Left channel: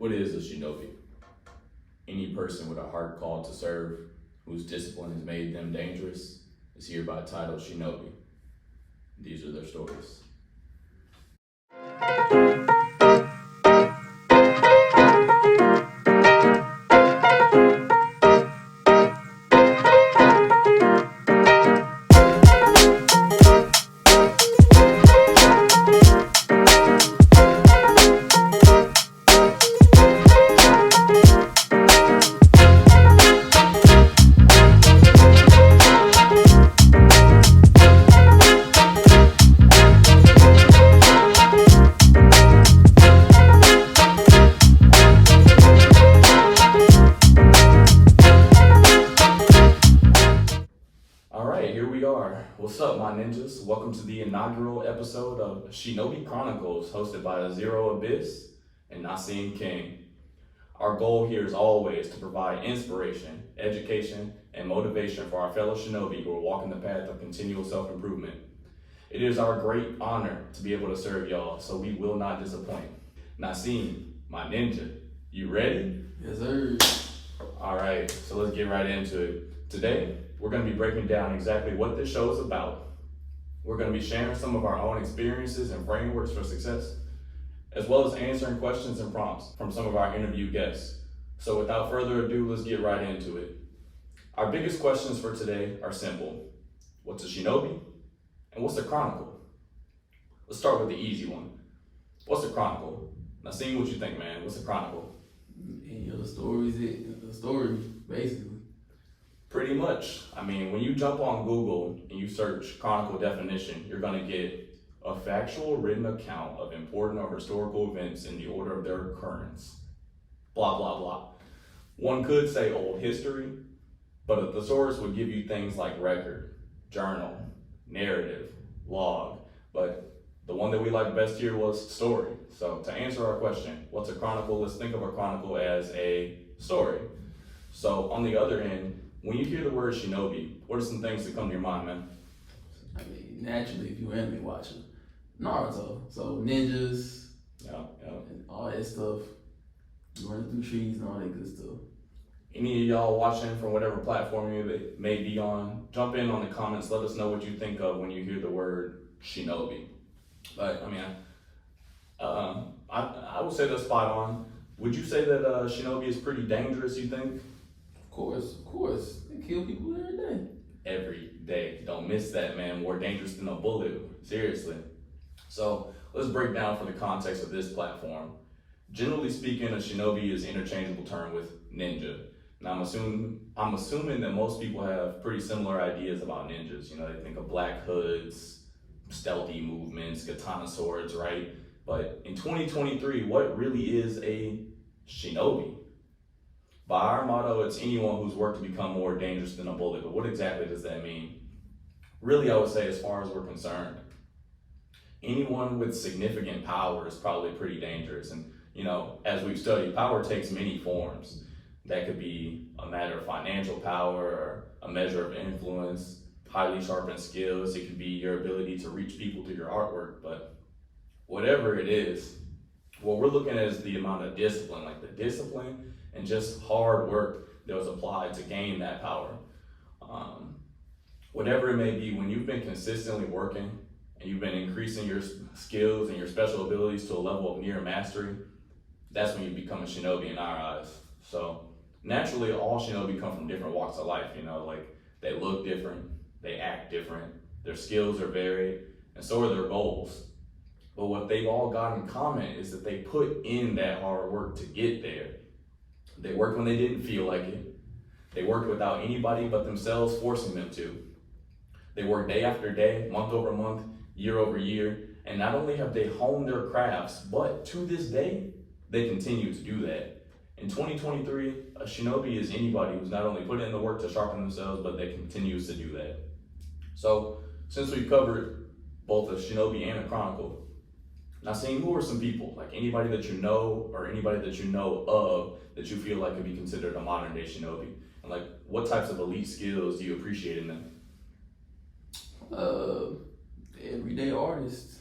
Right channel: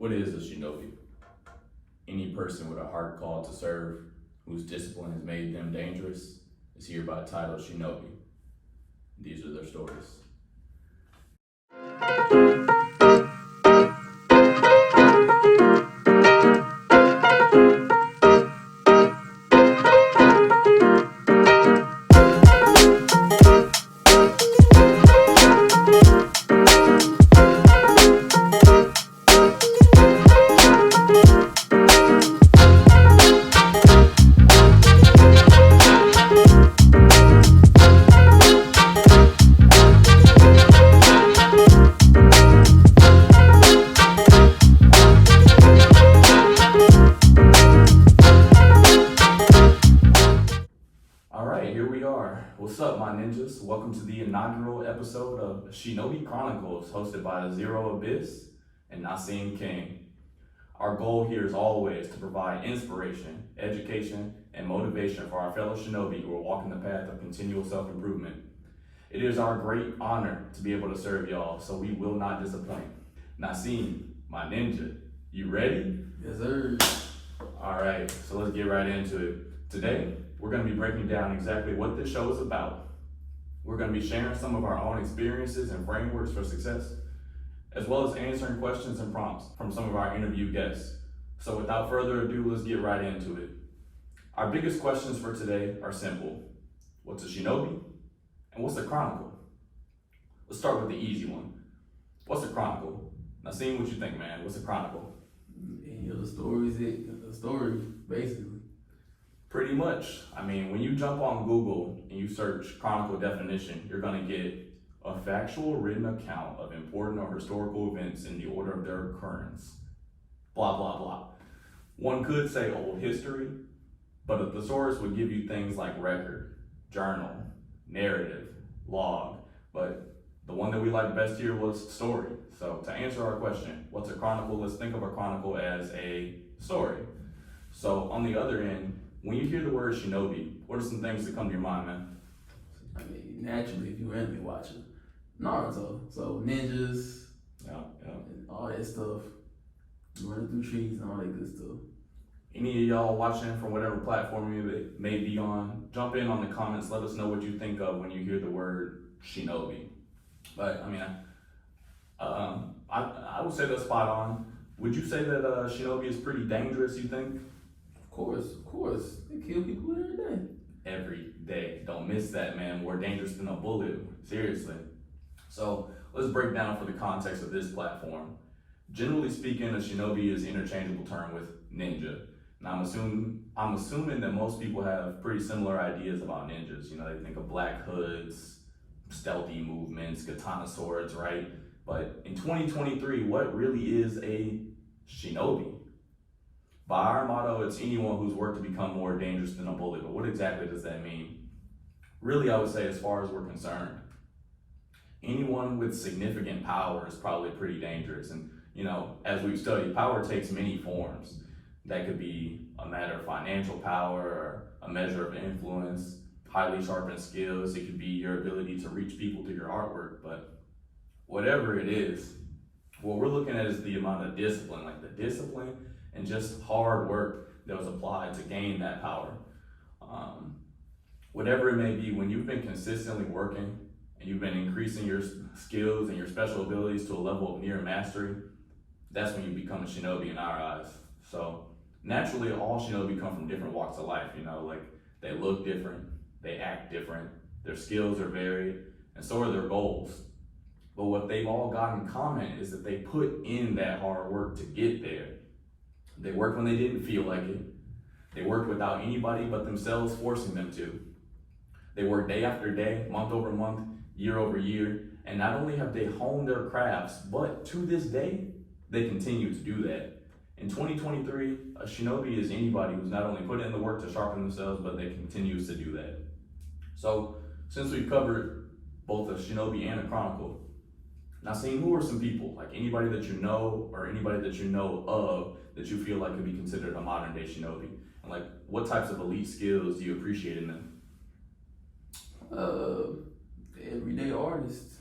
What is a shinobi? Any person with a heart called to serve, whose discipline has made them dangerous, is hereby titled shinobi. These are their stories. What's up, my ninjas? Welcome to the inaugural episode of Shinobi Chronicles, hosted by Zero Abyss and Naseem King. Our goal here is always to provide inspiration, education, and motivation for our fellow shinobi who are walking the path of continual self-improvement. It is our great honor to be able to serve y'all, so we will not disappoint. Naseem, my ninja, you ready? Yes, sir. All right, so let's get right into it. Today, we're going to be breaking down exactly what this show is about. We're going to be sharing some of our own experiences and frameworks for success, as well as answering questions and prompts from some of our interview guests. So without further ado, let's get right into it. Our biggest questions for today are simple. What's a shinobi? And what's a chronicle? Let's start with the easy one. What's a chronicle? Naseem, what you think, man? What's a chronicle? The story, basically. Pretty much. I mean, when you jump on Google and you search chronicle definition, you're going to get a factual written account of important or historical events in the order of their occurrence. Blah, blah, blah. One could say old history, but a thesaurus would give you things like record, journal, narrative, log, but the one that we liked best here was story. So to answer our question, what's a chronicle? Let's think of a chronicle as a story. So on the other end, when you hear the word shinobi, what are some things that come to your mind, man? I mean, naturally, if you anime watcher, Naruto, so ninjas, and all that stuff, running through trees and all that good stuff. Any of y'all watching from whatever platform you may be on, jump in on the comments. Let us know what you think of when you hear the word shinobi. But I mean, I would say that's spot on. Would you say that shinobi is pretty dangerous? You think? Of course. They kill people every day. Every day. Don't miss that, man. More dangerous than a bullet. Seriously. So let's break down for the context of this platform. Generally speaking, a shinobi is an interchangeable term with ninja. And I'm assuming that most people have pretty similar ideas about ninjas. You know, they think of black hoods, stealthy movements, katana swords, right? But in 2023, what really is a shinobi? By our motto, it's anyone who's worked to become more dangerous than a bullet. But what exactly does that mean? Really, I would say, as far as we're concerned, anyone with significant power is probably pretty dangerous. And, you know, as we've studied, power takes many forms. That could be a matter of financial power, or a measure of influence, highly sharpened skills. It could be your ability to reach people through your artwork. But whatever it is, what we're looking at is the amount of discipline, like the discipline and just hard work that was applied to gain that power. Whatever it may be, when you've been consistently working and you've been increasing your skills and your special abilities to a level of near mastery, that's when you become a shinobi in our eyes. So naturally, all shinobi come from different walks of life, you know, like they look different, they act different, their skills are varied, and so are their goals. But what they've all got in common is that they put in that hard work to get there. They worked when they didn't feel like it. They worked without anybody but themselves forcing them to. They worked day after day, month over month, year over year, and not only have they honed their crafts, but to this day, they continue to do that. In 2023, a shinobi is anybody who's not only put in the work to sharpen themselves, but they continues to do that. So, since we've covered both a shinobi and a chronicle, Naseem, who are some people, like anybody that you know or anybody that you know of that you feel like could be considered a modern day shinobi? And like, what types of elite skills do you appreciate in them? everyday artists,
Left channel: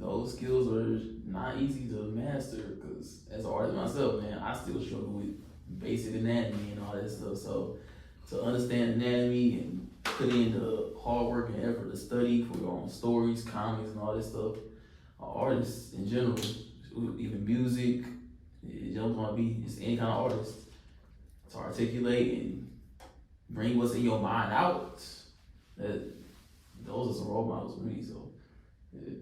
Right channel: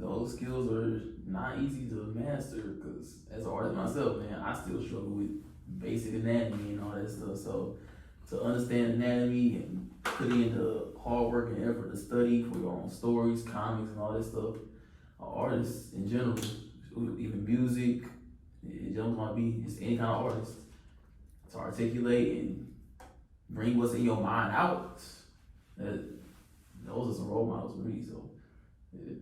those skills are not easy to master because as an artist myself, man, I still struggle with basic anatomy and all that stuff. So to understand anatomy and put in the hard work and effort to study for your own stories, comics, and all that stuff, artists in general, even music, it just want to be just any kind of artist, to articulate and bring what's in your mind out. Those are some role models for me. So, yeah.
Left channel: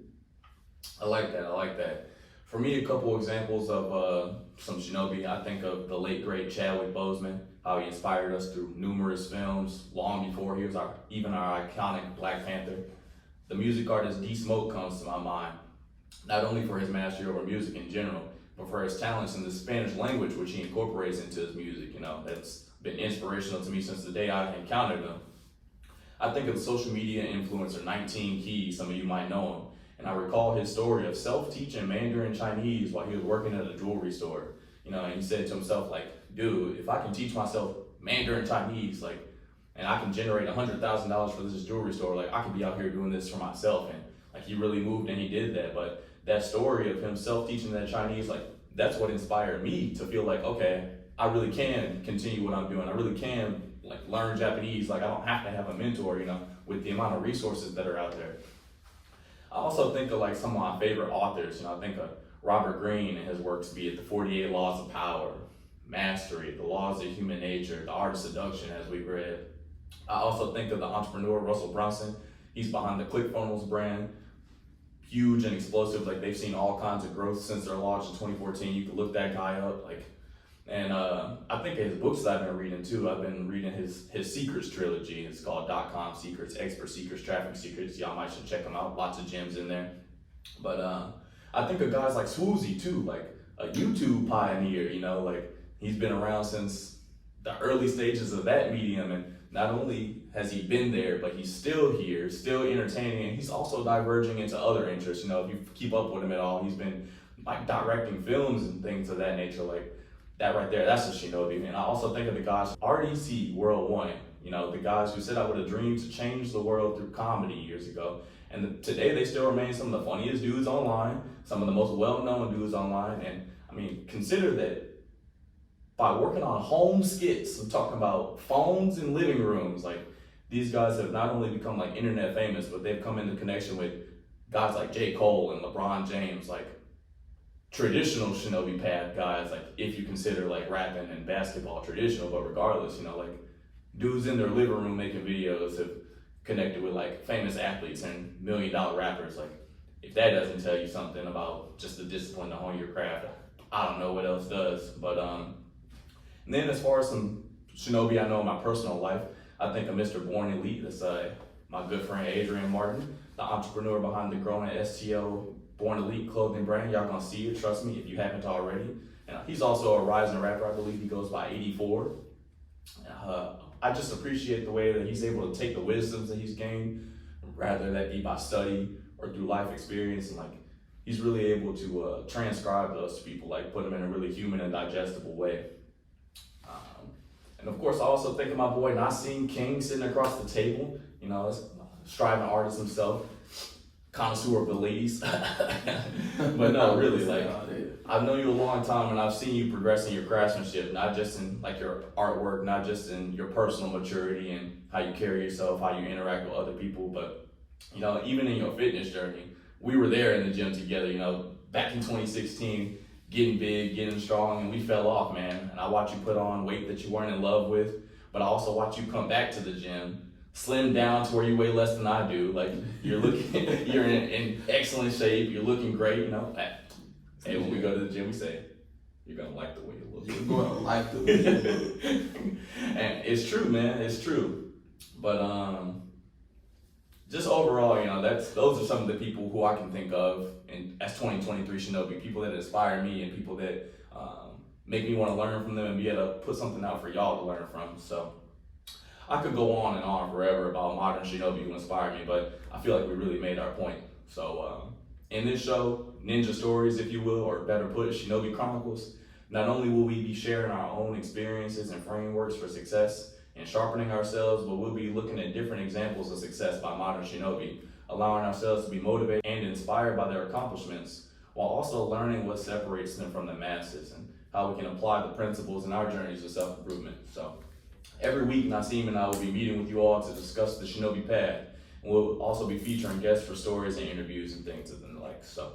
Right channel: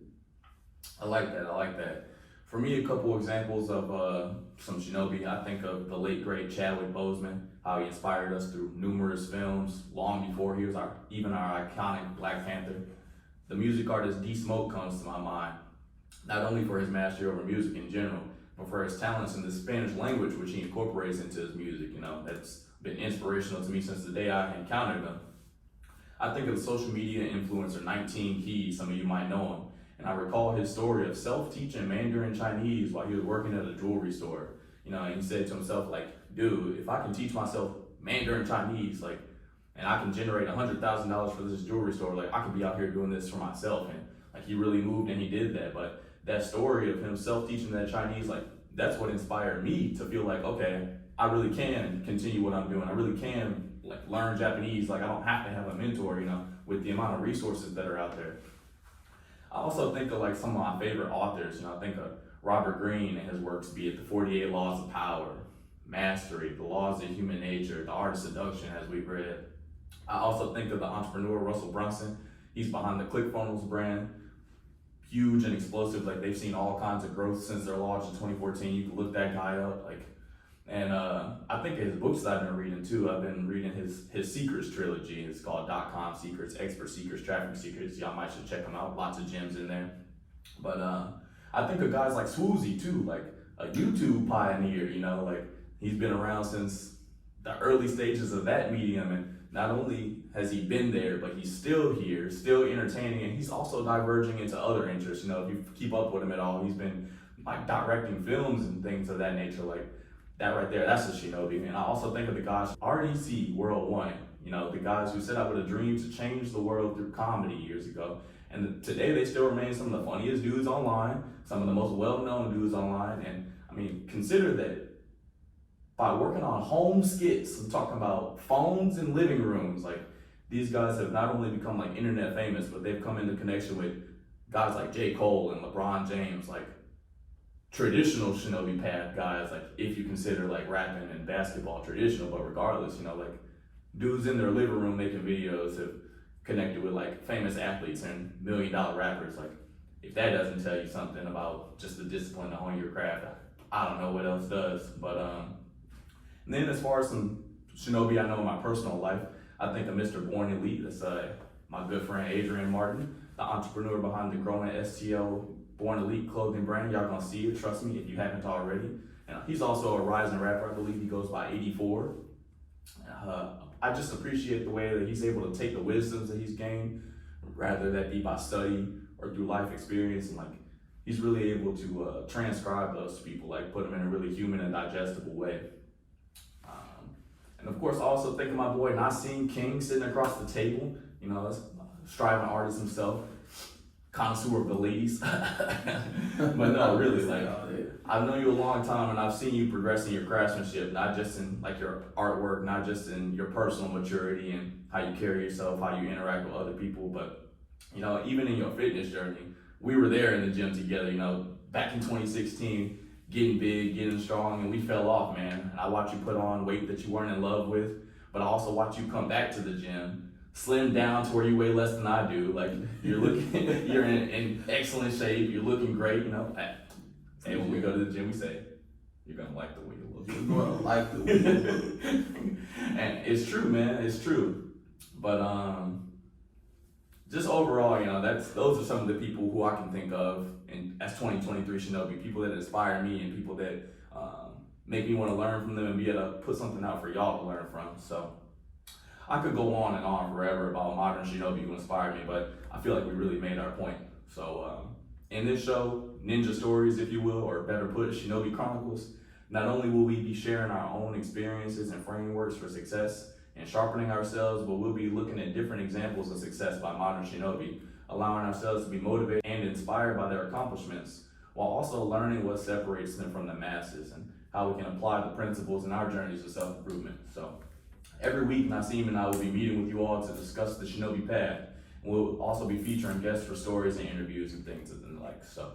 I like that. For me, a couple examples of some Shinobi. I think of the late great Chadwick Boseman, how he inspired us through numerous films long before he was our iconic Black Panther. The music artist D Smoke comes to my mind, not only for his mastery over music in general, but for his talents in the Spanish language, which he incorporates into his music. That's been inspirational to me since the day I encountered them. I think of social media influencer 19 Keys, some of you might know him, and I recall his story of self-teaching Mandarin Chinese while he was working at a jewelry store. And he said to himself, like, dude, if I can teach myself Mandarin Chinese, like, and I can generate $100,000 for this jewelry store, like, I could be out here doing this for myself. And like, he really moved and he did that. But that story of him self-teaching that Chinese, like, that's what inspired me to feel like, okay, I really can continue what I'm doing. I really can like learn Japanese. Like, I don't have to have a mentor, with the amount of resources that are out there. I also think of like some of my favorite authors. I think of Robert Greene and his works, be it the 48 Laws of Power, Mastery, The Laws of Human Nature, The Art of Seduction, as we've read. I also think of the entrepreneur Russell Brunson. He's behind the ClickFunnels brand. Huge and explosive. Like, they've seen all kinds of growth since their launch in 2014. You can look that guy up. And I think his books that I've been reading too. I've been reading his Secrets trilogy. It's called .com Secrets, Expert Secrets, Traffic Secrets. Y'all might should check them out. Lots of gems in there. But I think of guys like Swoozie too, like a YouTube pioneer. Like, he's been around since the early stages of that medium, and not only has he been there, but he's still here, still entertaining, and he's also diverging into other interests. If you keep up with him at all, he's been like directing films and things of that nature. Like, that right there, that's a Shinobi. And I also think of the guys RDC World One, the guys who set out with a dream to change the world through comedy years ago. And today they still remain some of the funniest dudes online, some of the most well-known dudes online. And I mean, consider that by working on home skits, I'm talking about phones and living rooms, like, these guys have not only become like internet famous, but they've come into connection with guys like J. Cole and LeBron James, like traditional Shinobi path guys, like, if you consider like rapping and basketball traditional, but regardless, like dudes in their living room making videos have connected with like famous athletes and $1 million rappers. Like, if that doesn't tell you something about just the discipline to hone your craft, I don't know what else does. But and then as far as some Shinobi I know in my personal life, I think of Mr. Born Elite. That's my good friend Adrian Martin, the entrepreneur behind the growing STO Born Elite clothing brand. Y'all gonna see it, trust me, if you haven't already. And he's also a rising rapper. I believe he goes by 84. I just appreciate the way that he's able to take the wisdoms that he's gained, rather that be by study or through life experience, and like, he's really able to transcribe those to people, like put them in a really human and digestible way. And of course, I also think of my boy Naseem King sitting across the table. That's a striving artist himself, connoisseur of the ladies. But no, really, like, I've known you a long time, and I've seen you progress in your craftsmanship, not just in like your artwork, not just in your personal maturity and how you carry yourself, how you interact with other people, but even in your fitness journey. We were there in the gym together, back in 2016, getting big, getting strong, and we fell off, man. And I watched you put on weight that you weren't in love with, but I also watched you come back to the gym, slim down to where you weigh less than I do. Like, you're looking, you're in excellent shape, you're looking great, And when we go to the gym, we say, you're gonna like the way you look. You're gonna like the way you look. And it's true, man, it's true. But just overall, those are some of the people who I can think of as 2023 Shinobi, people that inspire me and people that make me want to learn from them and be able to put something out for y'all to learn from. So I could go on and on forever about modern Shinobi who inspired me, but I feel like we really made our point. So in this show, Ninja Stories, if you will, or better put, Shinobi Chronicles, not only will we be sharing our own experiences and frameworks for success and sharpening ourselves, but we'll be looking at different examples of success by modern Shinobi. allowing ourselves to be motivated and inspired by their accomplishments, while also learning what separates them from the masses and how we can apply the principles in our journeys of self-improvement. So every week, Naseem and I will be meeting with you all to discuss the Shinobi path, and we'll also be featuring guests for stories and interviews and things and the like. So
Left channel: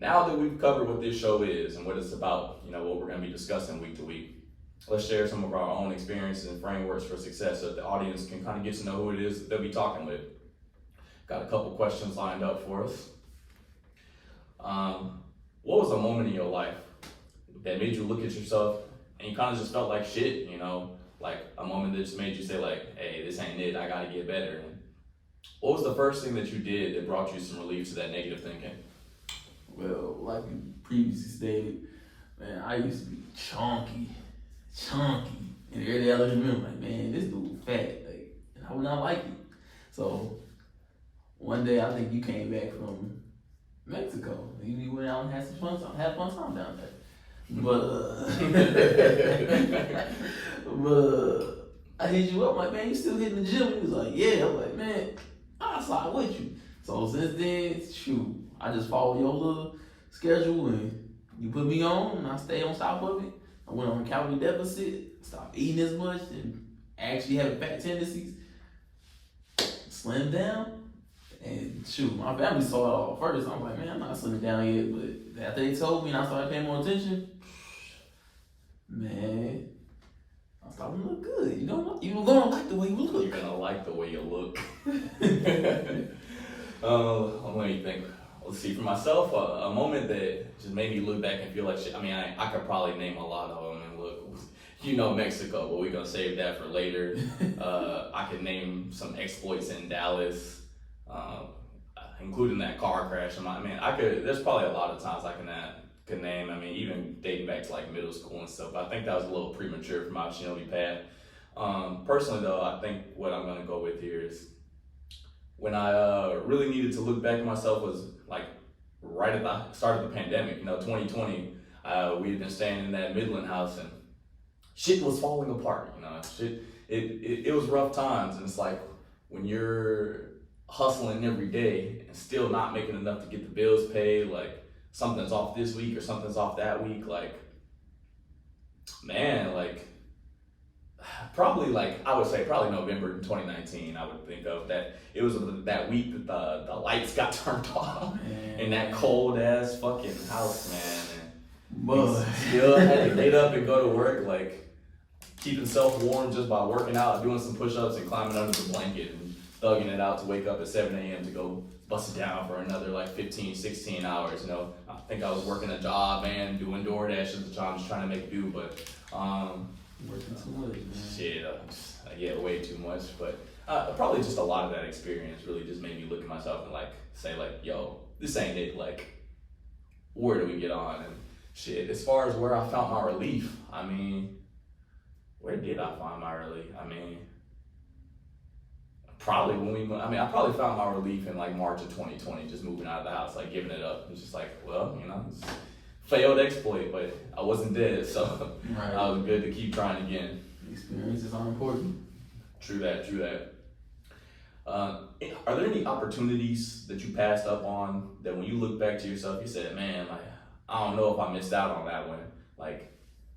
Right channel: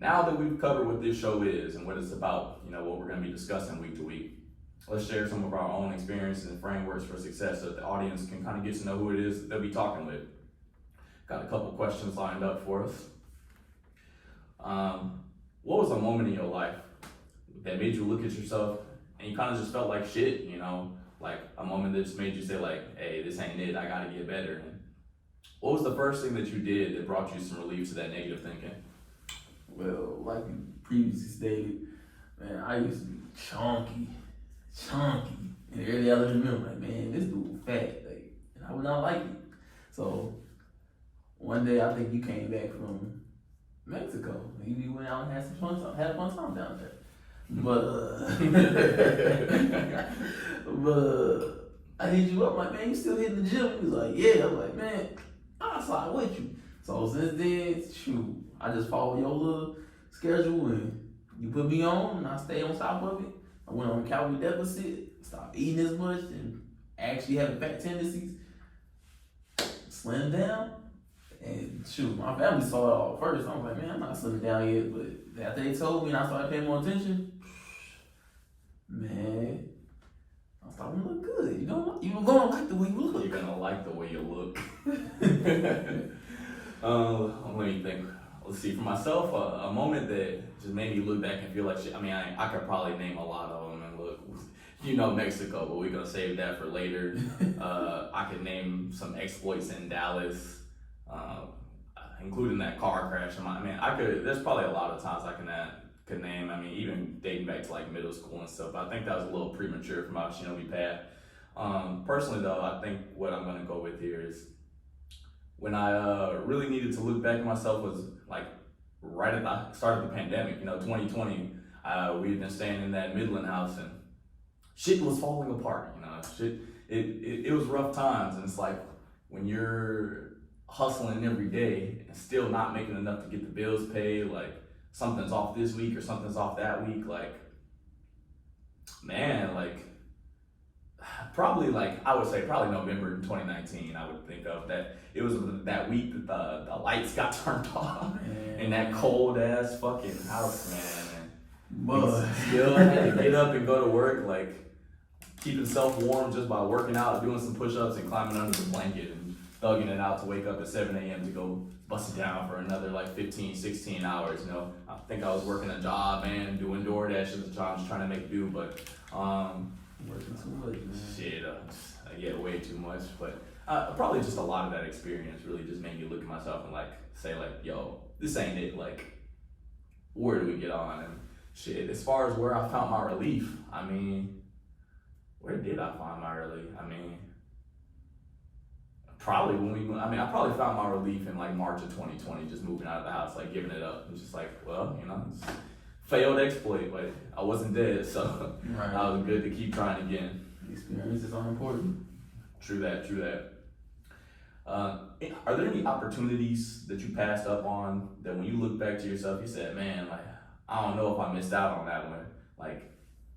now that we've covered what this show is and what it's about, what we're going to be discussing week to week, let's share some of our own experiences and frameworks for success so that the audience can kind of get to know who it is that they'll be talking with. Got a couple questions lined up for us. What was a moment in your life that made you look at yourself and you kind of just felt like shit, like a moment that just made you say like, hey, this ain't it, I gotta get better. And what was the first thing that you did that brought you some relief to that negative thinking? Well, like you previously stated, man, I used to be chunky. And every day I look at him like, man, this dude fat. Like, and I would not like it. So one day I think you came back from Mexico. You went out and had some fun time down there. But I hit you up like, man, you still hitting the gym? He was like, yeah. I'm like, man, I'll slide with you. So since then, shoot, I just follow your little schedule and you put me on and I stay on top of it. I went on a calorie deficit, stopped eating as much and actually having fat tendencies, slimmed down. And shoot, my family saw it all first. I was like, man, I'm not slimming down yet. But after they told me and I started paying more attention, man, I started to look good. You're gonna like the way you look. You're gonna like the way you look. Let me think. Let's see, for myself, a moment that just made me look back and feel like shit. I mean, I could probably name a lot of them. And look, Mexico, but we're gonna save that for later. I could name some exploits in Dallas, including that car crash. There's probably a lot of times I could name. I mean, even dating back to like middle school and stuff. But I think that was a little premature for my Shinobi path. Personally, though, I think what I'm gonna go with here is when I really needed to look back at myself was like right at the start of the pandemic. 2020, we had been staying in that Midland house and shit was falling apart. It was rough times, and it's like when you're hustling every day and still not making enough to get the bills paid, like something's off this week or something's off that week, like, man, like probably November 2019, I would think of that. It was that week that the lights got turned off in that cold ass fucking house, man. And still had to get up and go to work, like keeping self warm just by working out, doing some push-ups and climbing under the blanket and thugging it out to wake up at 7 a.m. to go bust it down for another like 15, 16 hours. I think I was working a job and doing DoorDash at the time, just trying to make do, but working too much, man. Shit, I get way too much, but probably just a lot of that experience really just made me look at myself and like say like, yo, this ain't it. Like, where do we get on? And shit, as far as where I found my relief, where did I find my relief? Probably I probably found my relief in like March of 2020, just moving out of the house, like giving it up. It's just like, well, it's failed exploit, but I wasn't dead, so right. I was good to keep trying again. Experiences are important. True that. Are there any opportunities that you passed up on that when you look back to yourself, you said, man, like, I don't know if I missed out on that one. Like,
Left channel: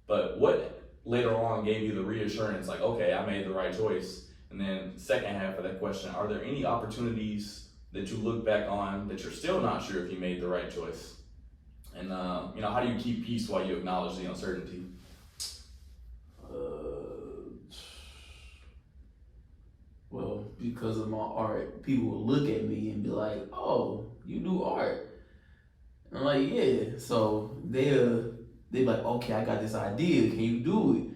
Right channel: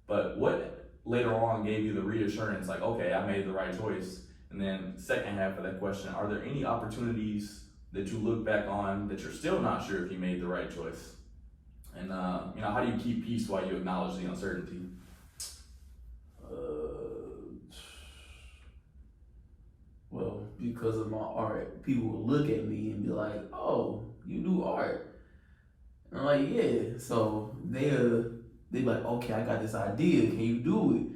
but what later on gave you the reassurance, like, okay, I made the right choice? And then second half of that question, are there any opportunities that you look back on that you're still not sure if you made the right choice? And, how do you keep peace while you acknowledge the uncertainty? Well, because of my art, people will look at me and be like, oh, you do art. And I'm like, yeah. So they're like, okay, I got this idea. Can you do it?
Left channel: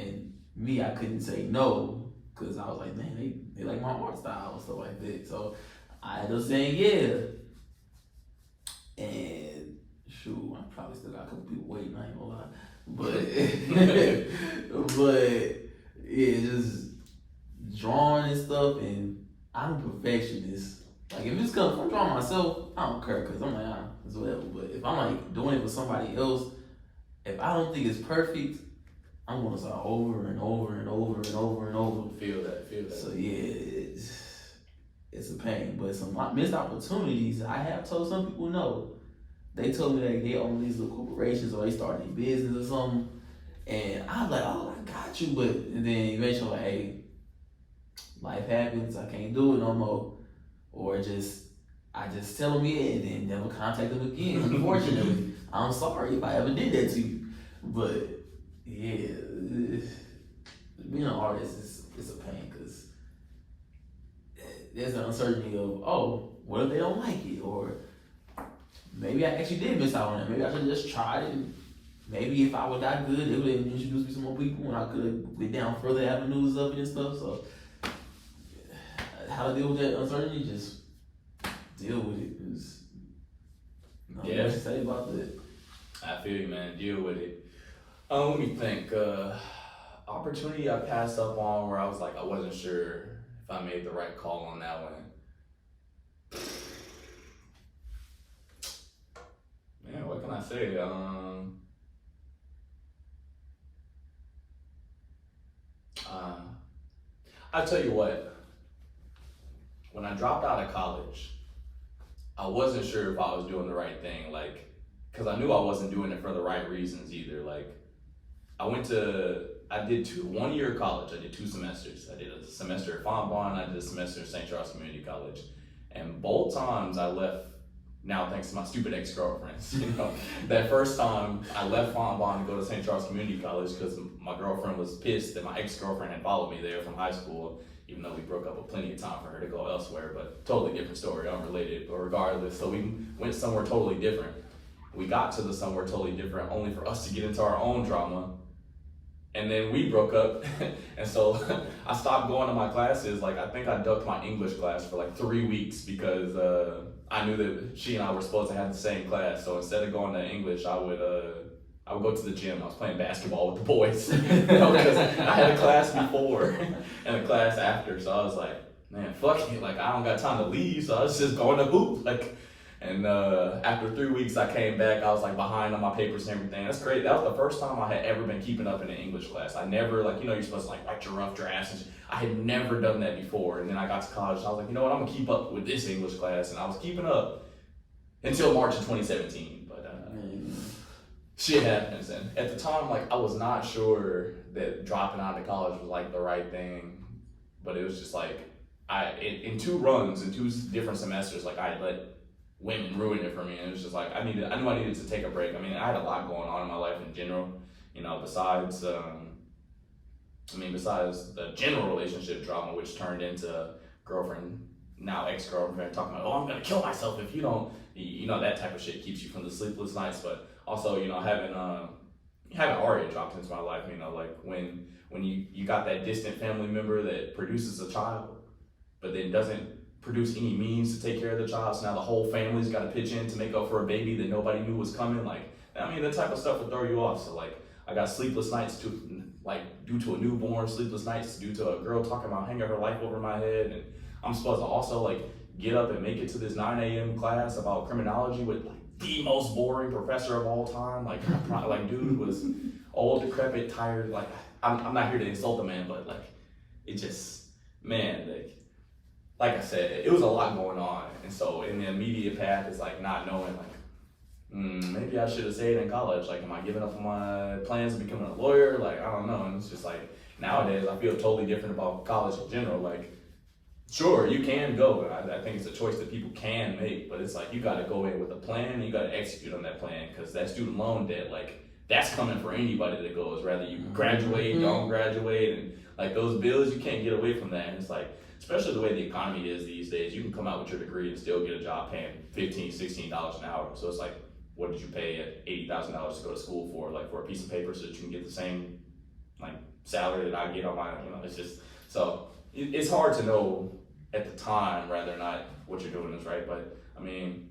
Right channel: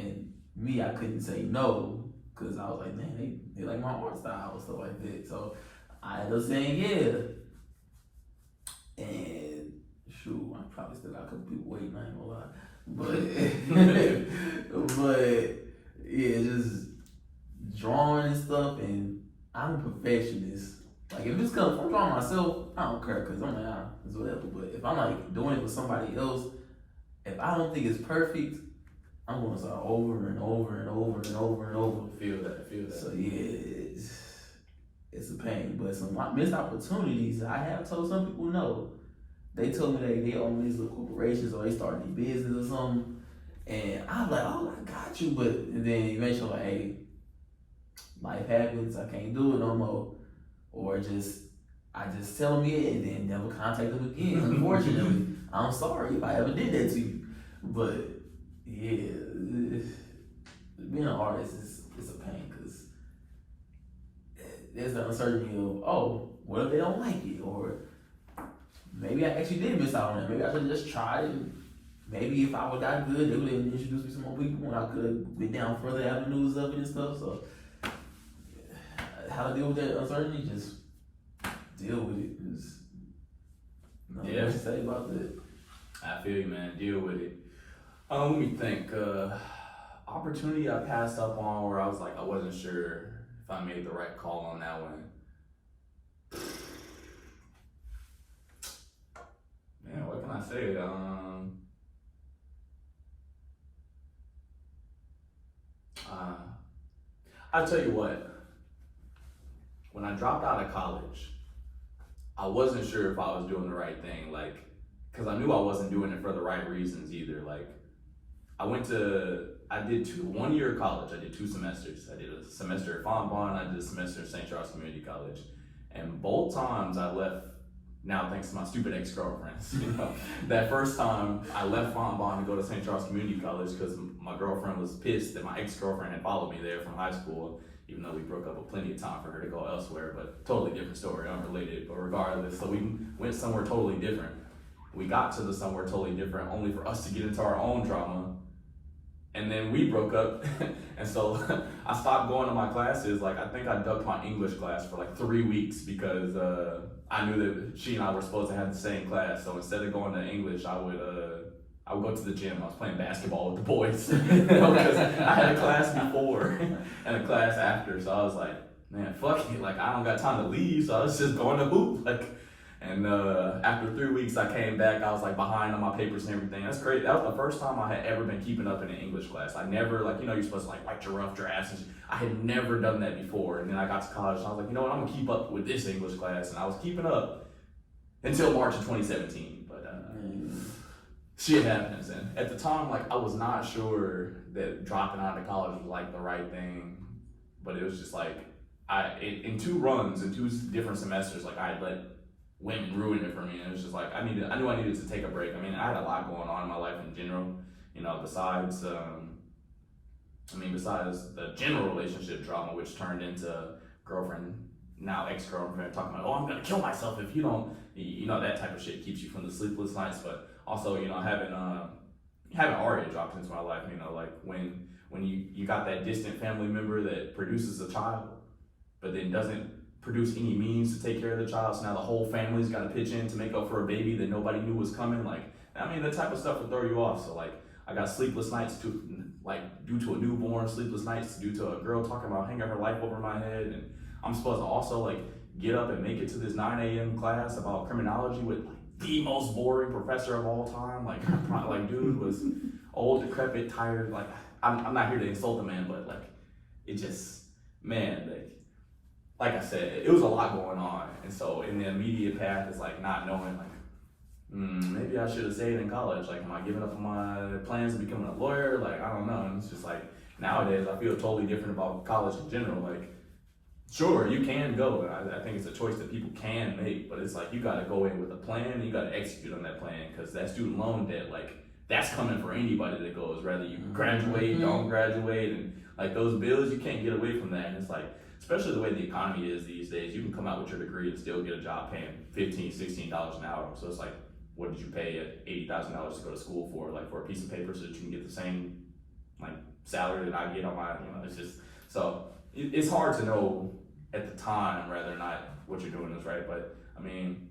And me, I couldn't say no because I was like, man, they like my art style and stuff like that. So I ended up saying yeah. And shoot, I probably still got a couple people waiting, I ain't gonna lie. But yeah, just drawing and stuff, and I'm a perfectionist. Like if it's coming from drawing myself, I don't care because I'm like, it's whatever. But if I'm like doing it for somebody else, if I don't think it's perfect, I'm gonna start over and over and over and over and over. Feel that. So yeah, it's a pain. But some missed opportunities, I have told some people no. They told me that they own these little corporations or they started a business or something. And I was like, oh, I got you. But and then eventually, like, hey, life happens. I can't do it no more. Or I just tell them yeah and then never contact them again. Unfortunately, I'm sorry if I ever did that to you. But yeah, being an artist is a pain because there's an uncertainty of, oh, what if they don't like it? Or maybe I actually did miss out on it. Maybe I should have just tried it. And maybe if I would die good, they would have introduced me to more people and I could have went down further avenues of it and stuff. So, how to deal with that uncertainty? Just deal with it. Yeah. What to say about that? I feel you, man. Deal with it. Let me think. Opportunity I passed up on where I was like, I wasn't sure if I made the right call on that one. Man, what can I say? I'll tell you what. When I dropped out of college, I wasn't sure if I was doing the right thing, like, because I knew I wasn't doing it for the right reasons either. Like, I did 1 year of college. I did 2 semesters. I did a semester at Fontbonne, I did a semester at St. Charles Community College. And both times I left, now thanks to my stupid ex-girlfriends, you know, that first time I left Fontbonne to go to St. Charles Community College because my girlfriend was pissed that my ex-girlfriend had followed me there from high school, even though we broke up with plenty of time for her to go elsewhere, but totally different story, unrelated, but regardless. So we went somewhere totally different. We got to the somewhere totally different only for us to get into our own drama. And then we broke up, and so I stopped going to my classes. Like, I think I ducked my English class for like 3 weeks because I knew that she and I were supposed to have the same class. So instead of going to English, I would go to the gym. I was playing basketball with the boys because I had a class before and a class after. So I was like, man, fuck it. Like, I don't got time to leave, so I was just going to hoop. Like, and after 3 weeks, I came back. I was like behind on my papers and everything. That's great. That was the first time I had ever been keeping up in an English class. I never, like, you know, you're supposed to like write your rough drafts. And I had never done that before. And then I got to college and I was like, you know what, I'm gonna keep up with this English class. And I was keeping up until March of 2017. But shit happens. And at the time, like, I was not sure that dropping out of college was like the right thing. But it was just like, in 2 runs, in 2 different semesters, like, I had let women ruin it for me. And it was just like, I knew I needed to take a break. I mean, I had a lot going on in my life in general, you know, besides the general relationship drama, which turned into girlfriend, now ex-girlfriend, talking about, oh, I'm gonna kill myself if you don't, you know, that type of shit keeps you from the sleepless nights. But also, you know, having Aria dropped into my life, you know, like when you got that distant family member that produces a child, but then doesn't produce any means to take care of the child, so now the whole family's got to pitch in to make up for a baby that nobody knew was coming. Like, I mean, that type of stuff would throw you off. So like, I got sleepless nights due to a newborn, sleepless nights due to a girl talking about hanging her life over my head, and I'm supposed to also like get up and make it to this 9 a.m. class about criminology with like the most boring professor of all time. Like dude was old, decrepit, tired. Like, I'm not here to insult the man, but like, it just, man, like I said, it was a lot going on. And so in the immediate path is like not knowing, like, maybe I should have stayed in college. Like, am I giving up on my plans of becoming a lawyer? Like, I don't know. And it's just like, nowadays I feel totally different about college in general. Like, sure, you can go. I think it's a choice that people can make, but it's like, you gotta go in with a plan and you gotta execute on that plan, because that student loan debt, like, that's coming for anybody that goes, whether you graduate, don't graduate, and like those bills, you can't get away from that. And it's like, especially the way the economy is these days, you can come out with your degree and still get a job paying $15, $16 an hour. So it's like, what did you pay at $80,000 to go to school for? Like, for a piece of paper so that you can get the same like salary that I get on my, you know, it's just, so it's hard to know at the time whether or not what you're doing is right. But I mean,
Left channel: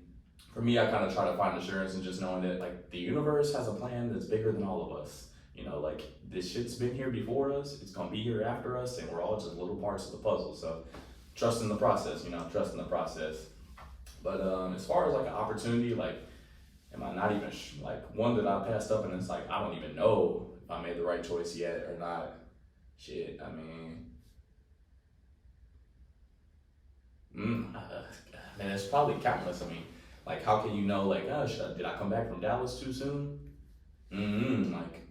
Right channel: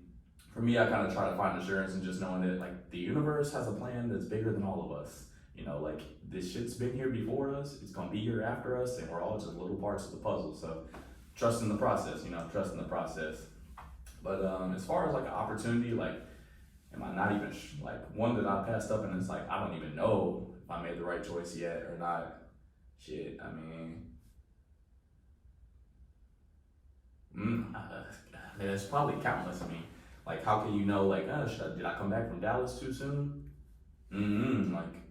for me, I kind of try to find assurance in just knowing that like the universe has a plan that's bigger than all of us. You know, like, this shit's been here before us, it's gonna be here after us, and we're all just little parts of the puzzle. So trust in the process, you know, trust in the process. But as far as like an opportunity, like, am I not even, like, one that I passed up and it's like, I don't even know if I made the right choice yet or not. Shit, I mean, Man, it's probably countless. I mean, like, how can you know, like, oh, did I come back from Dallas too soon? Like,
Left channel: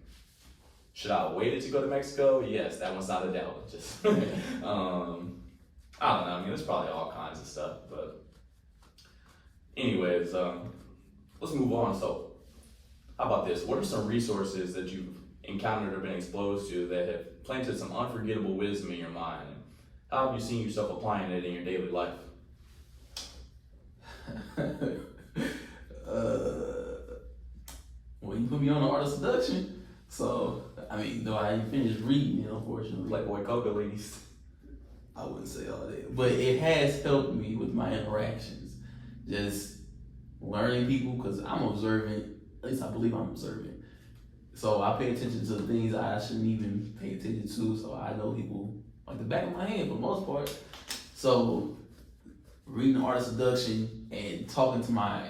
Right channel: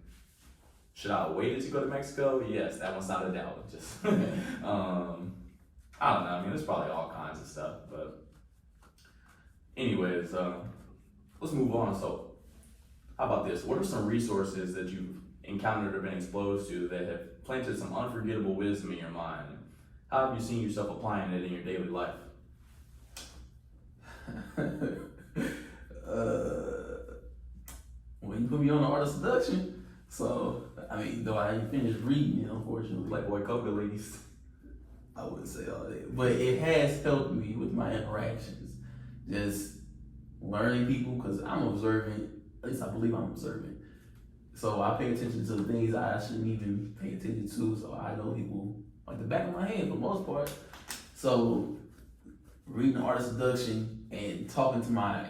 should I have waited to go to Mexico? Yes, that one's not a doubt. Just, I don't know. I mean, there's probably all kinds of stuff. But, anyways, let's move on. So, how about this? What are some resources that you've encountered or been exposed to that have planted some unforgettable wisdom in your mind? How have you seen yourself applying it in your daily life? Well, you put me on the art of seduction, so I mean, though I didn't finish reading it, unfortunately. Playboy Coca ladies. I wouldn't say all that, but it has helped me with my interactions, just learning people because I'm observant. At least I believe I'm observant. So I pay attention to things I shouldn't even pay attention to. So I know people like the back of my hand for the most part. So reading art of seduction and talking to my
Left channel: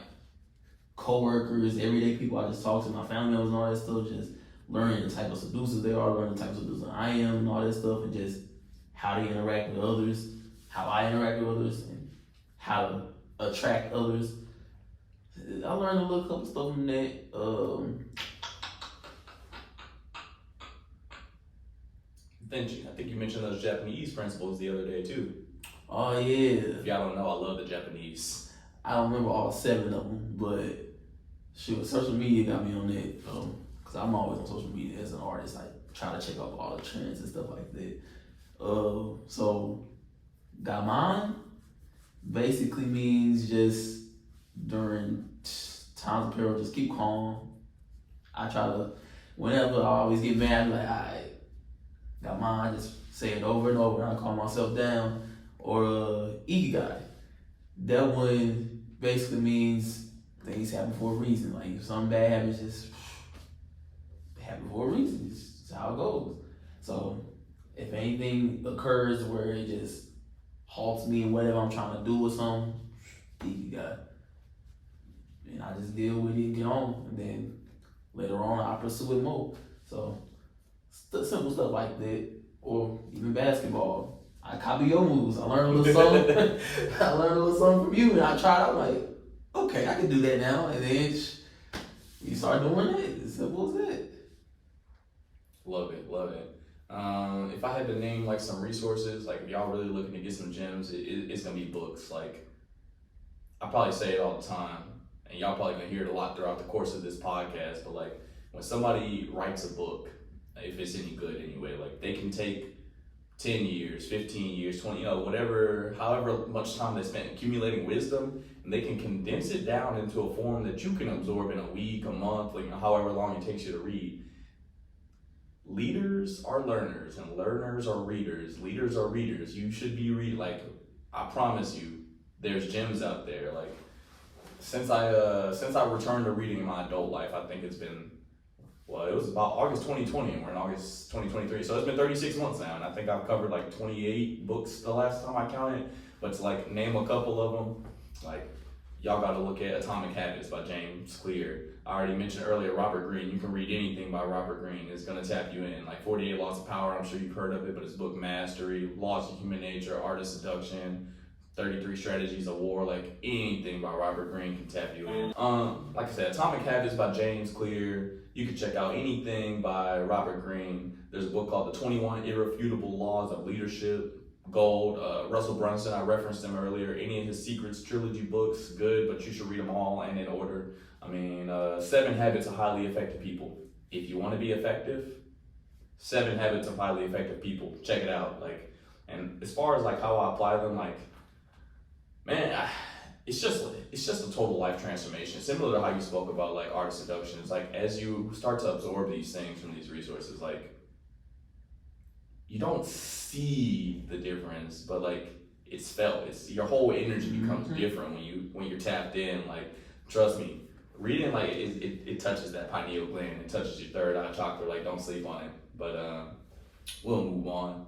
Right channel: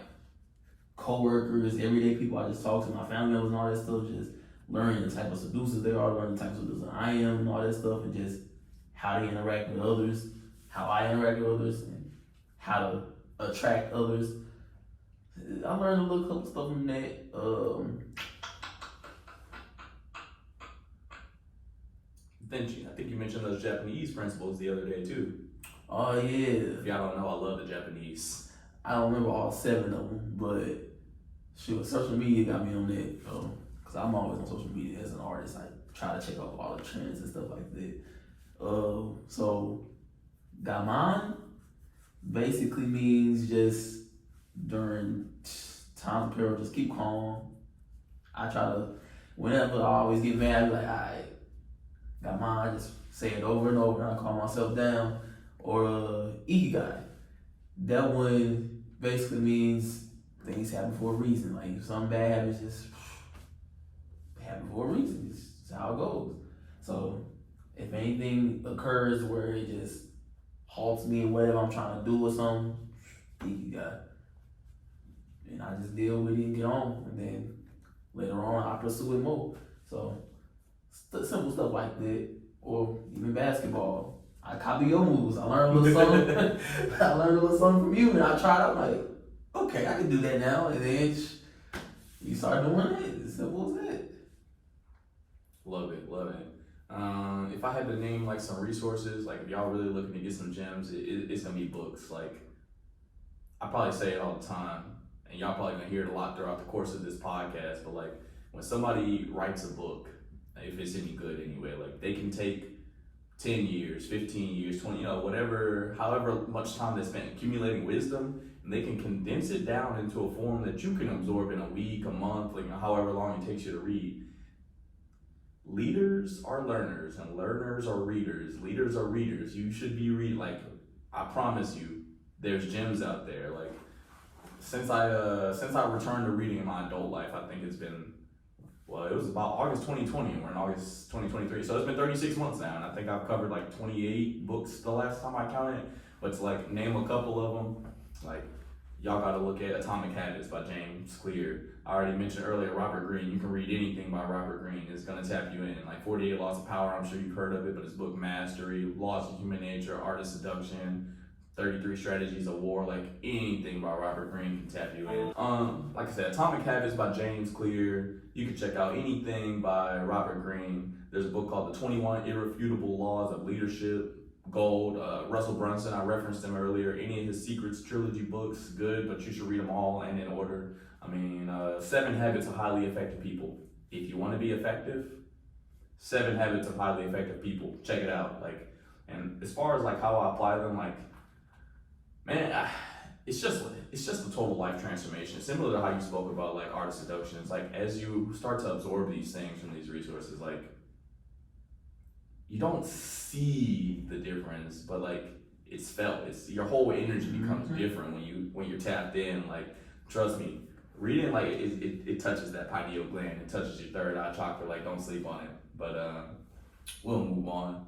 co-workers, everyday people I just talk to, my family members and all that stuff, just learning the type of seducers they are, learning the type of seducer I am and all that stuff, and just how to interact with others, how I interact with others, and how to attract others. I learned a little couple stuff from that. I think you mentioned those Japanese principles the other day too. Oh yeah. If y'all don't know, I love the Japanese. I don't remember all 7 of them, but shoot, social media got me on that. Cause I'm always on social media as an artist. I try to check out all the trends and stuff like that. So Gaman basically means just during times of peril, just keep calm. I try to, whenever I always get mad, I'm like, alright, Gaman, I just say it over and over and I calm myself down. Or Ikigai. That one basically means things happen for a reason. Like if something bad happens, just happen for a reason. It's just how it goes. So if anything occurs where it just halts me in whatever I'm trying to do or something, Ikigai. And I just deal with it and get on. And then later on, I pursue it more. So simple stuff like that. Or even basketball. I copy your moves. I learned a little something. I learned a little something from you, and I tried out like, okay, I can do that now. And then you start doing it. As simple as that. Love it, love it. If I had to name like some resources, like if y'all really looking to get some gems, it's gonna be books. Like I probably say it all the time, and y'all probably gonna hear it a lot throughout the course of this podcast. But like when somebody writes a book, if it's any good anyway, like they can take 10 years, 15 years, 20, whatever, however much time they spent accumulating wisdom, and they can condense it down into a form that you can absorb in a week, a month, like however long it takes you to read. Leaders are learners, and learners are readers. Leaders are readers. You should be reading. Like I promise you, there's gems out there. Like since I returned to reading in my adult life, I think it's been. Well, it was about August 2020, and we're in August 2023. So it's been 36 months now, and I think I've covered like 28 books the last time I counted. But to like name a couple of them, like y'all got to look at Atomic Habits by James Clear. I already mentioned earlier Robert Greene. You can read anything by Robert Greene. It's going to tap you in. Like 48 Laws of Power, I'm sure you've heard of it, but his book Mastery, Laws of Human Nature, Art of Seduction, 33 Strategies of War, like anything by Robert Greene can tap you in. Like I said, Atomic Habits by James Clear. You can check out anything by Robert Greene. There's a book called The 21 Irrefutable Laws of Leadership. Gold. Russell Brunson, I referenced him earlier. Any of his Secrets trilogy books, good, but you should read them all and in order. I mean, 7 Habits of Highly Effective People. If you want to be effective, 7 Habits of Highly Effective People. Check it out. Like, and as far as like how I apply them, like, man, it's just a total life transformation. Similar to how you spoke about like art of seduction. It's like as you start to absorb these things from these resources, like you don't see the difference, but like it's felt. It's your whole energy becomes different when you're tapped in. Like trust me, reading like it touches that pineal gland. It touches your third eye chakra. Like don't sleep on it. But we'll move on.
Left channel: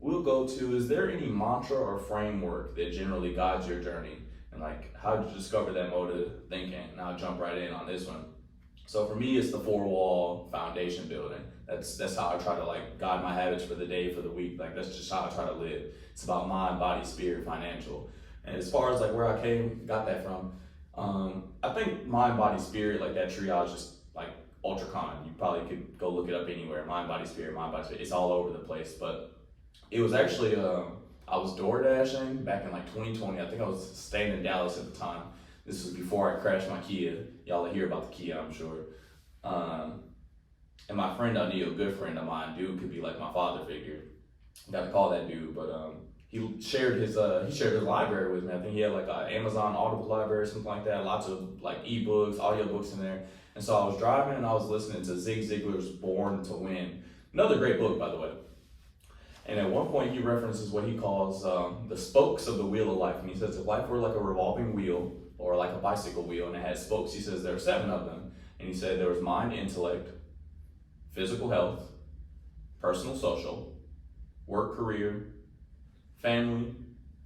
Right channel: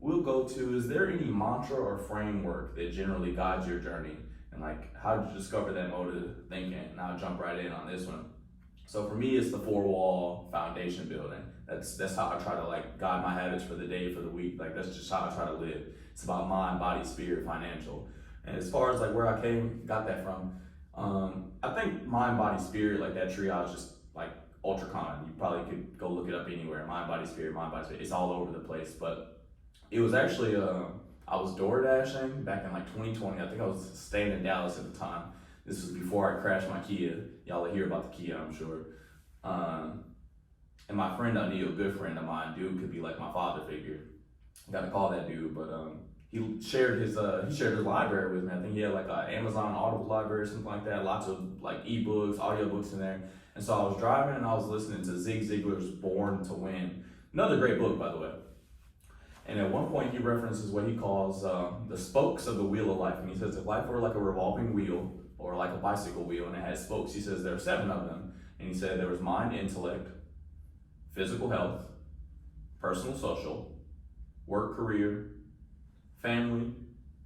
We'll go to, is there any mantra or framework that generally guides your journey? And like, how did you discover that mode of thinking? And I'll jump right in on this one. So for me, it's the 4-wall foundation building. That's how I try to like guide my habits for the day, for the week. Like that's just how I try to live. It's about mind, body, spirit, financial. And as far as like where I got that from, I think mind, body, spirit, like that triage, just like ultra common. You probably could go look it up anywhere. Mind, body, spirit, mind, body, spirit. It's all over the place. But it was actually, I was door dashing back in like 2020. I think I was staying in Dallas at the time. This was before I crashed my Kia. Y'all will hear about the Kia, I'm sure. And my friend Anil, a good friend of mine, dude could be like my father figure. Got to call that dude, but he shared his library with me. I think he had like an Amazon Audible library or something like that. Lots of like ebooks, audiobooks in there. And so I was driving and I was listening to Zig Ziglar's Born to Win. Another great book, by the way. And at one point he references what he calls the spokes of the wheel of life. And he says if life were like a revolving wheel or like a bicycle wheel and it had spokes, he says there are 7 of them. And he said there was mind, intellect, physical health, personal, social, work, career, family,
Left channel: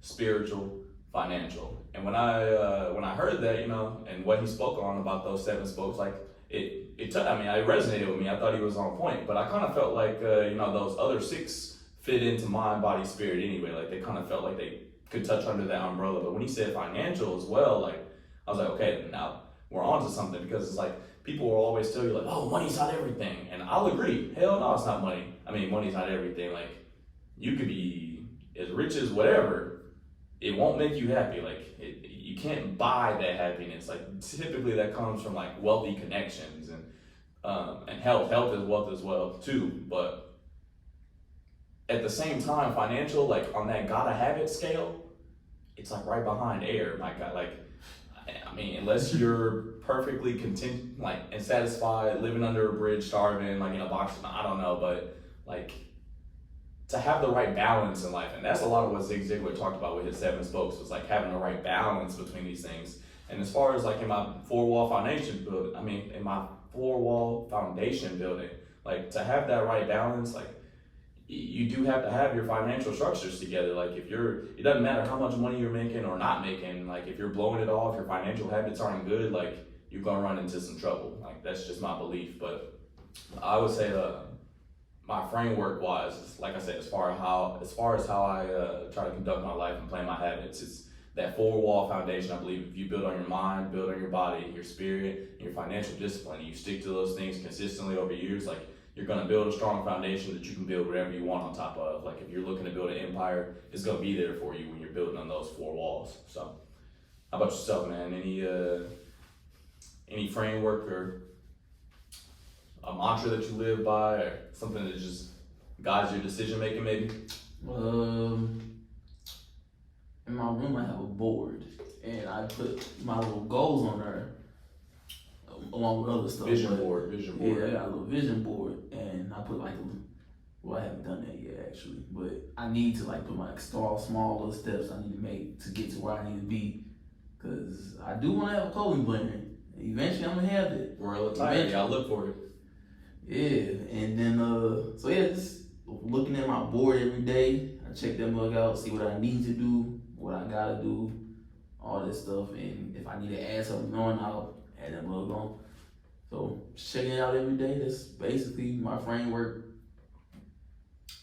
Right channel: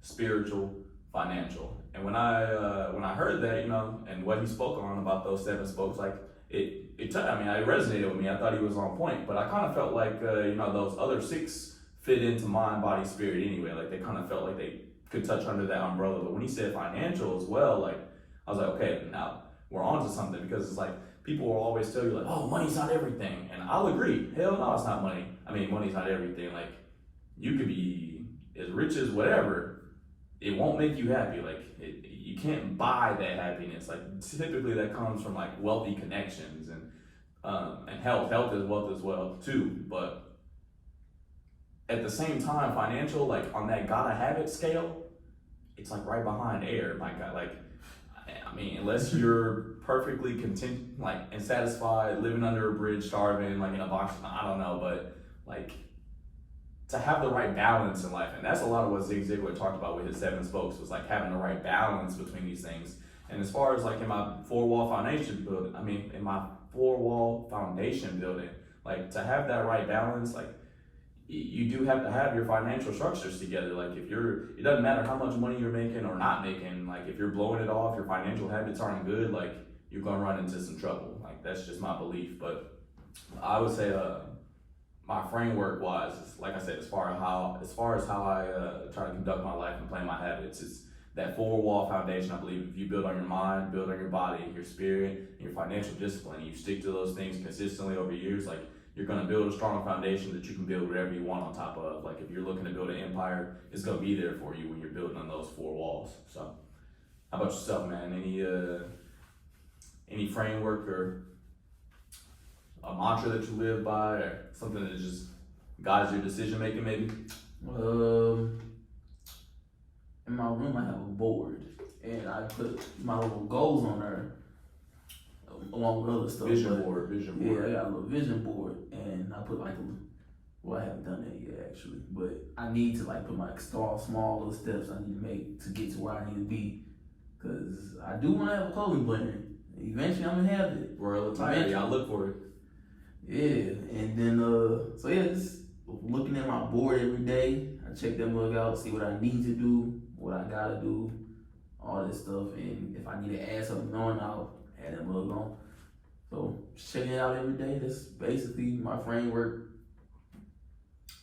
spiritual, financial. And when I heard that, and what he spoke on about those 7 spokes, like it resonated with me. I thought he was on point, but I kind of felt like those other 6 fit into mind, body, spirit anyway. Like they kind of felt like they could touch under that umbrella. But when he said financial as well, like I was like, okay, now we're on to something, because it's like people will always tell you like, oh, money's not everything, and I'll agree. Hell no, it's not money. I mean, money's not everything. Like you could be as rich as whatever, it won't make you happy. Like you can't buy that happiness. Like typically that comes from like wealthy connections and health. Health is wealth as well too. But at the same time, financial, like on that gotta have it scale, it's like right behind air, my God. Like I mean, unless you're perfectly content, like and satisfied, living under a bridge, starving, like in a box, I don't know, but like to have the right balance in life. And that's a lot of what Zig Ziglar talked about with his 7 spokes, was like having the right balance between these things. And as far as like in my four-wall foundation building, like to have that right balance, like you do have to have your financial structures together. Like it doesn't matter how much money you're making or not making, like if you're blowing it off, your financial habits aren't good, like you're gonna run into some trouble. Like that's just my belief. But I would say my framework wise, like I said, as far as how I try to conduct my life and plan my habits, it's that 4-wall foundation. I believe if you build on your mind, build on your body, your spirit, and your financial discipline, you stick to those things consistently over years, like you're gonna build a strong foundation that you can build whatever you want on top of. Like if you're looking to build an empire, it's gonna be there for you when you're building on those 4 walls. So how about yourself, man? Any framework or a mantra that you live by, or something that just guides your decision making, maybe? In my room I have a board, and I put my little goals on there, along with other stuff. Vision board. Yeah, I got a little vision board, and I put like I haven't done that yet actually, but I need to like put my small little steps I need to make to get to where I need to be, because I do want to have a clothing brand. Eventually I'm gonna have it. Royal attire, y'all look for it. Yeah, and then just looking at my board every day, I check that mug out, see what I need to do, what I gotta do, all this stuff, and if I need to add something on, I'll add that mug on. So checking it out every day, that's basically my framework.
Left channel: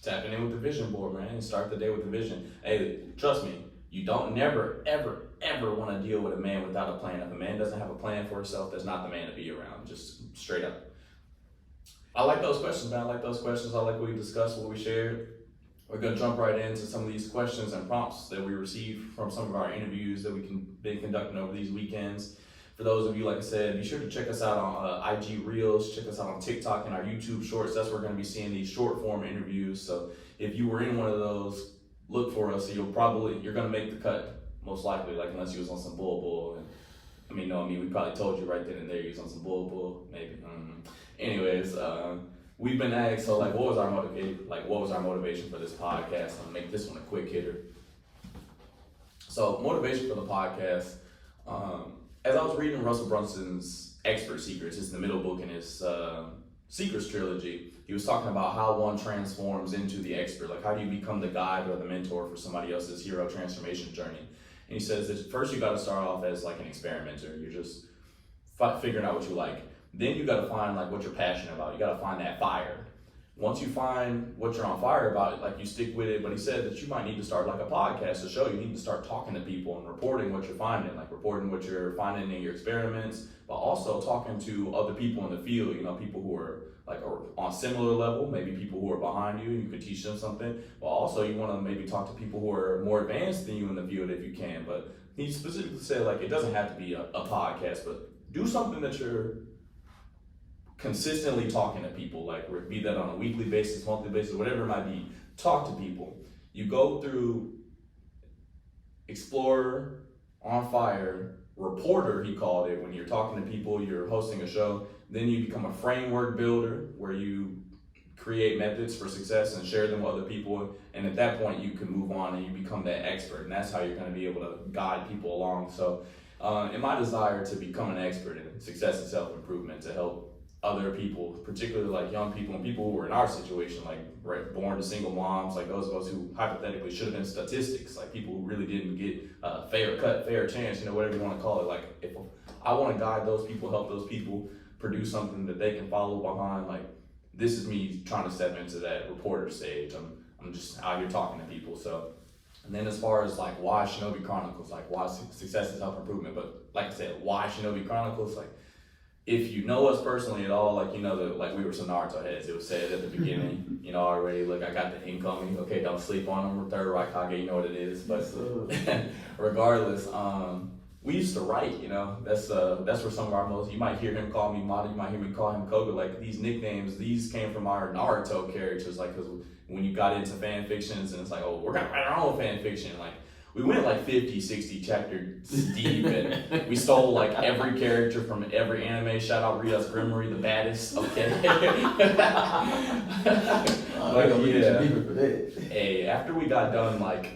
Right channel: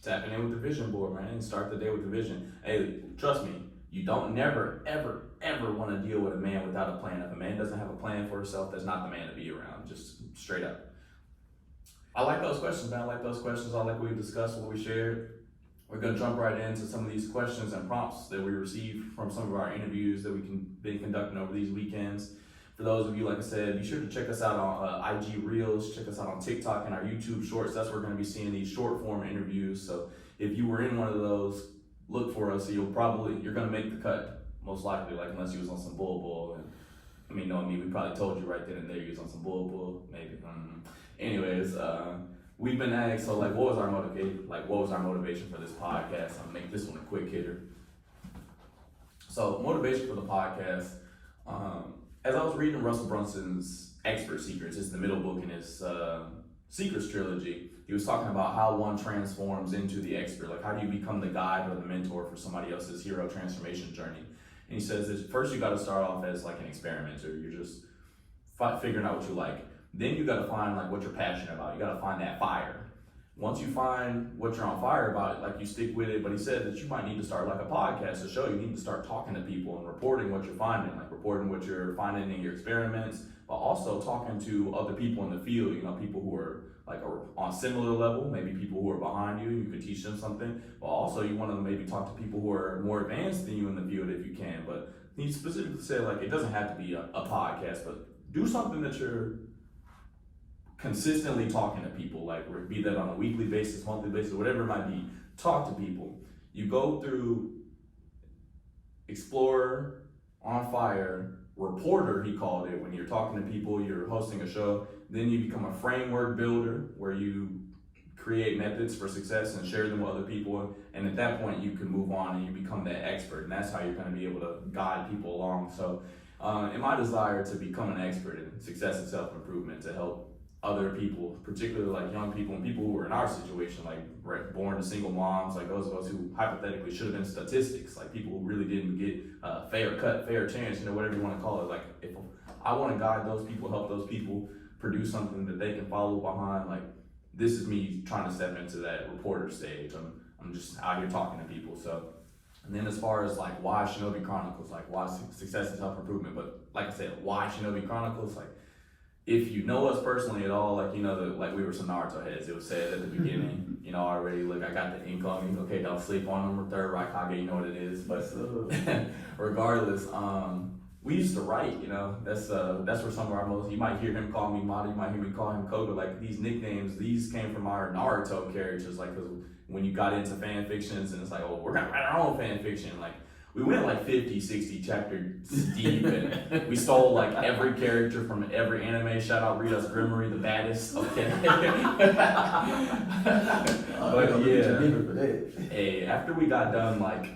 Tapping in with the vision board, man, and start the day with the vision. Hey, trust me, you don't never, ever, ever want to deal with a man without a plan. If a man doesn't have a plan for himself, that's not the man to be around, just straight up. I like those questions, man. I like those questions. I like what we discussed, what we shared. We're gonna jump right into some of these questions and prompts that we received from some of our interviews that we've been conducting over these weekends. For those of you, like I said, be sure to check us out on IG Reels, check us out on TikTok and our YouTube Shorts. That's where we're gonna be seeing these short form interviews. So if you were in one of those, look for us. You're gonna make the cut, most likely, like unless you was on some bull. And I mean, we probably told you right then and there you was on some bull, maybe. Anyways, we've been asked, so like, what was our motivation for this podcast? I'll make this one a quick hitter. So motivation for the podcast, as I was reading Russell Brunson's Expert Secrets, it's the middle book in his Secrets trilogy, he was talking about how one transforms into the expert. Like, how do you become the guide or the mentor for somebody else's hero transformation journey? And he says that first you got to start off as like an experimenter. You're just figuring out what you like. Then you got to find like what you're passionate about. You got to find that fire. once you find what you're on fire about, like you stick with it. But he said that you might need to start like a podcast to show. You need to start talking to people and reporting what you're finding, like reporting what you're finding in your experiments, but also talking to other people in the field, you know, people who are like on similar level, maybe people who are behind you, you can teach them something, but also you want to maybe talk to people who are more advanced than you in the field if you can. But he specifically said, like, it doesn't have to be a podcast, but do something that you're consistently talking to people, like be that on a weekly basis, monthly basis, whatever it might be. Talk to people. You go through explorer, on fire, reporter, he called it, when you're talking to people, you're hosting a show. Then you become a framework builder where you create methods for success and share them with other people. And at that point, you can move on and you become that expert. And that's how you're going to be able to guide people along. So in my desire to become an expert in success and self-improvement, to help other people, particularly like young people and people who are in our situation, like born to single moms, like those of us who hypothetically should have been statistics, like people who really didn't get a fair cut, fair chance, you know, whatever you want to call it. Like if I want to guide those people, help those people produce something that they can follow behind, like this is me trying to step into that reporter stage. I'm just out here talking to people. So, and then as far as like why Shinobi Chronicles, like why success and self-improvement, but like I said, why Shinobi Chronicles, like if you know us personally at all, like, you know, like we were some Naruto heads, it was said at the beginning, you know, already, look, I got the incoming, okay, don't sleep on them, or third Raikage, you know what it is, but regardless, we used to write, you know, that's where some of our most, you might hear him call me Mata, you might hear me call him Koga, like these nicknames, these came from our Naruto characters, like, cause when you got into fan fictions and it's like, oh, we're gonna write our own fan fiction, like, we went like 50, 60 chapters deep, and we stole like every character from every anime. Shout out Rita's Grimory, the baddest. Okay. But yeah. Hey, after we got done like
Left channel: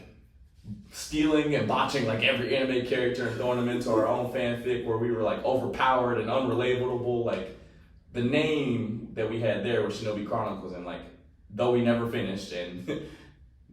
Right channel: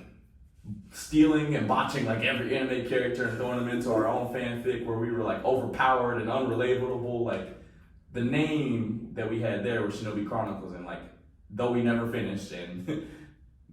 stealing and botching like every anime character and throwing them into our own fanfic where we were like overpowered and unrelatable, like the name that we had there was Shinobi Chronicles, and like though we never finished and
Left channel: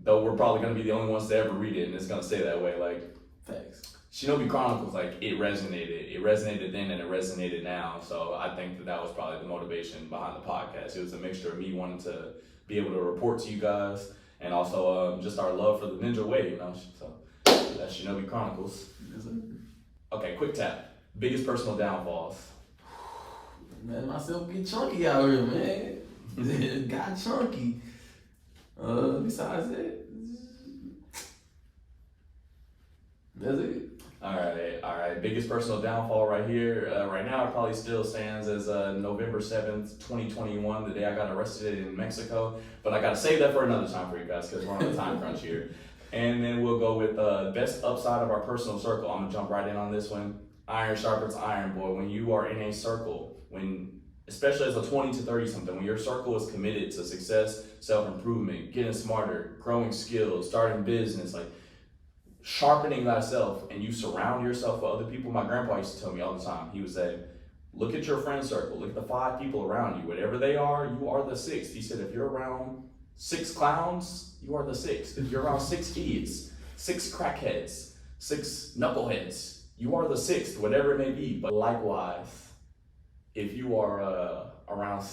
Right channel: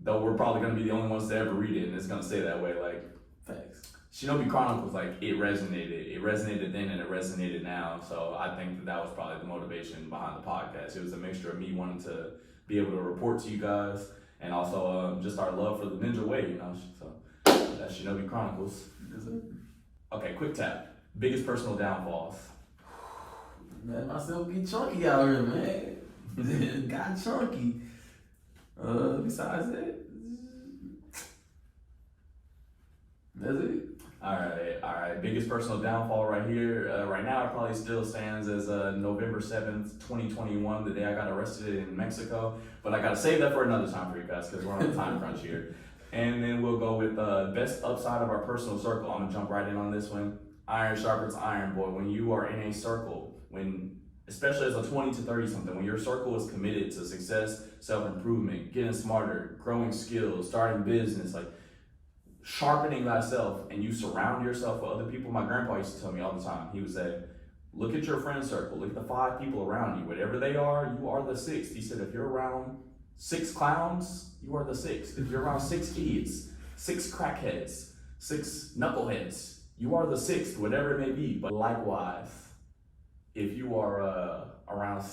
though we're probably going to be the only ones to ever read it, and it's going to stay that way, like, thanks. Shinobi Chronicles, like, it resonated then and it resonated now, so I think that was probably the motivation behind the podcast. It was a mixture of me wanting to be able to report to you guys, and also just our love for the ninja way, you know, so that's Shinobi Chronicles. Okay, quick tap. Biggest personal downfalls. Man, myself get chunky out here, man. Got chunky. Besides that, that's it. All right. Biggest personal downfall right here. Right now, it probably still stands as November 7th, 2021, the day I got arrested in Mexico. But I got to save that for another time for you guys because we're on a time crunch here. And then we'll go with best upside of our personal circle. I'm going to jump right in on this one. Iron sharpens iron, boy. When you are in a circle, especially as a 20 to 30 something, when your circle is committed to success, self-improvement, getting smarter, growing skills, starting business, like sharpening thyself, and you surround yourself with other people. My grandpa used to tell me all the time, he would say, look at your friend circle, look at the 5 people around you, whatever they are, you are the 6th. He said, if you're around 6 clowns, you are the 6th. If you're around 6 kids, 6 crackheads, 6 knuckleheads, you are the 6th, whatever it may be. But likewise, if you are around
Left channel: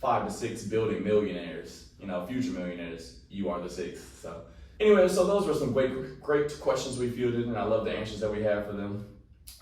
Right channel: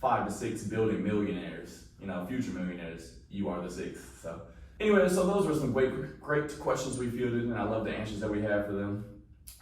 5 to 6 building millionaires, you know, future millionaires, you are the 6th. So anyway, so those were some great questions we fielded, and I love the answers that we have for them.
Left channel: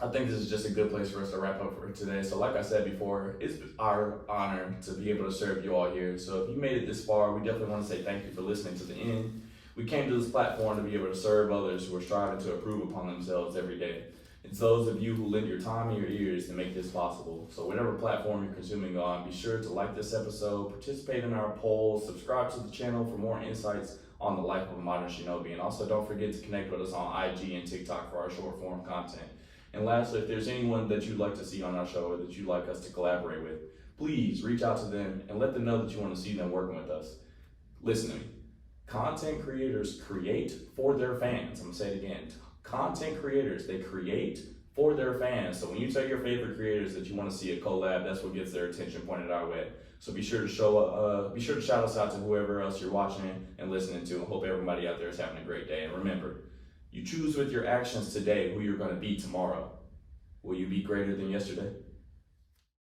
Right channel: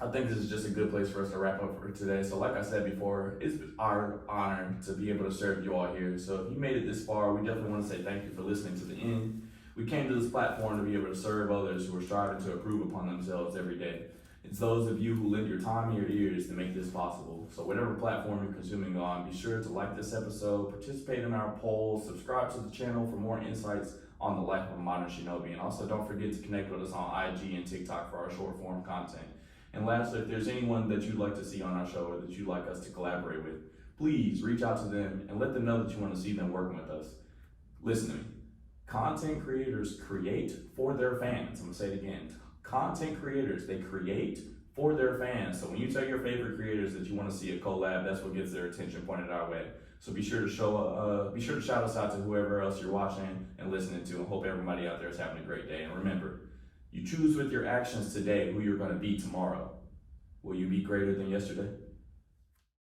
I think this is just a good place for us to wrap up for today. So like I said before, it's our honor to be able to serve you all here. So if you made it this far, we definitely want to say thank you for listening to the end. We came to this platform to be able to serve others who are striving to improve upon themselves every day. It's those of you who lend your time and your ears to make this possible. So whatever platform you're consuming on, be sure to like this episode, participate in our polls, subscribe to the channel for more insights on the life of a modern shinobi. And also don't forget to connect with us on IG and TikTok for our short form content. And lastly, if there's anyone that you'd like to see on our show or that you'd like us to collaborate with, please reach out to them and let them know that you want to see them working with us. Listen to me. Content creators create for their fans. I'm going to say it again. Content creators, they create for their fans. So when you tell your favorite creators that you want to see a collab, that's what gets their attention pointed our way. So be sure to shout us out to whoever else you're watching and listening to, and hope everybody out there is having a great day. And remember, you choose with your actions today who you're going to be tomorrow. Will you be greater than yesterday?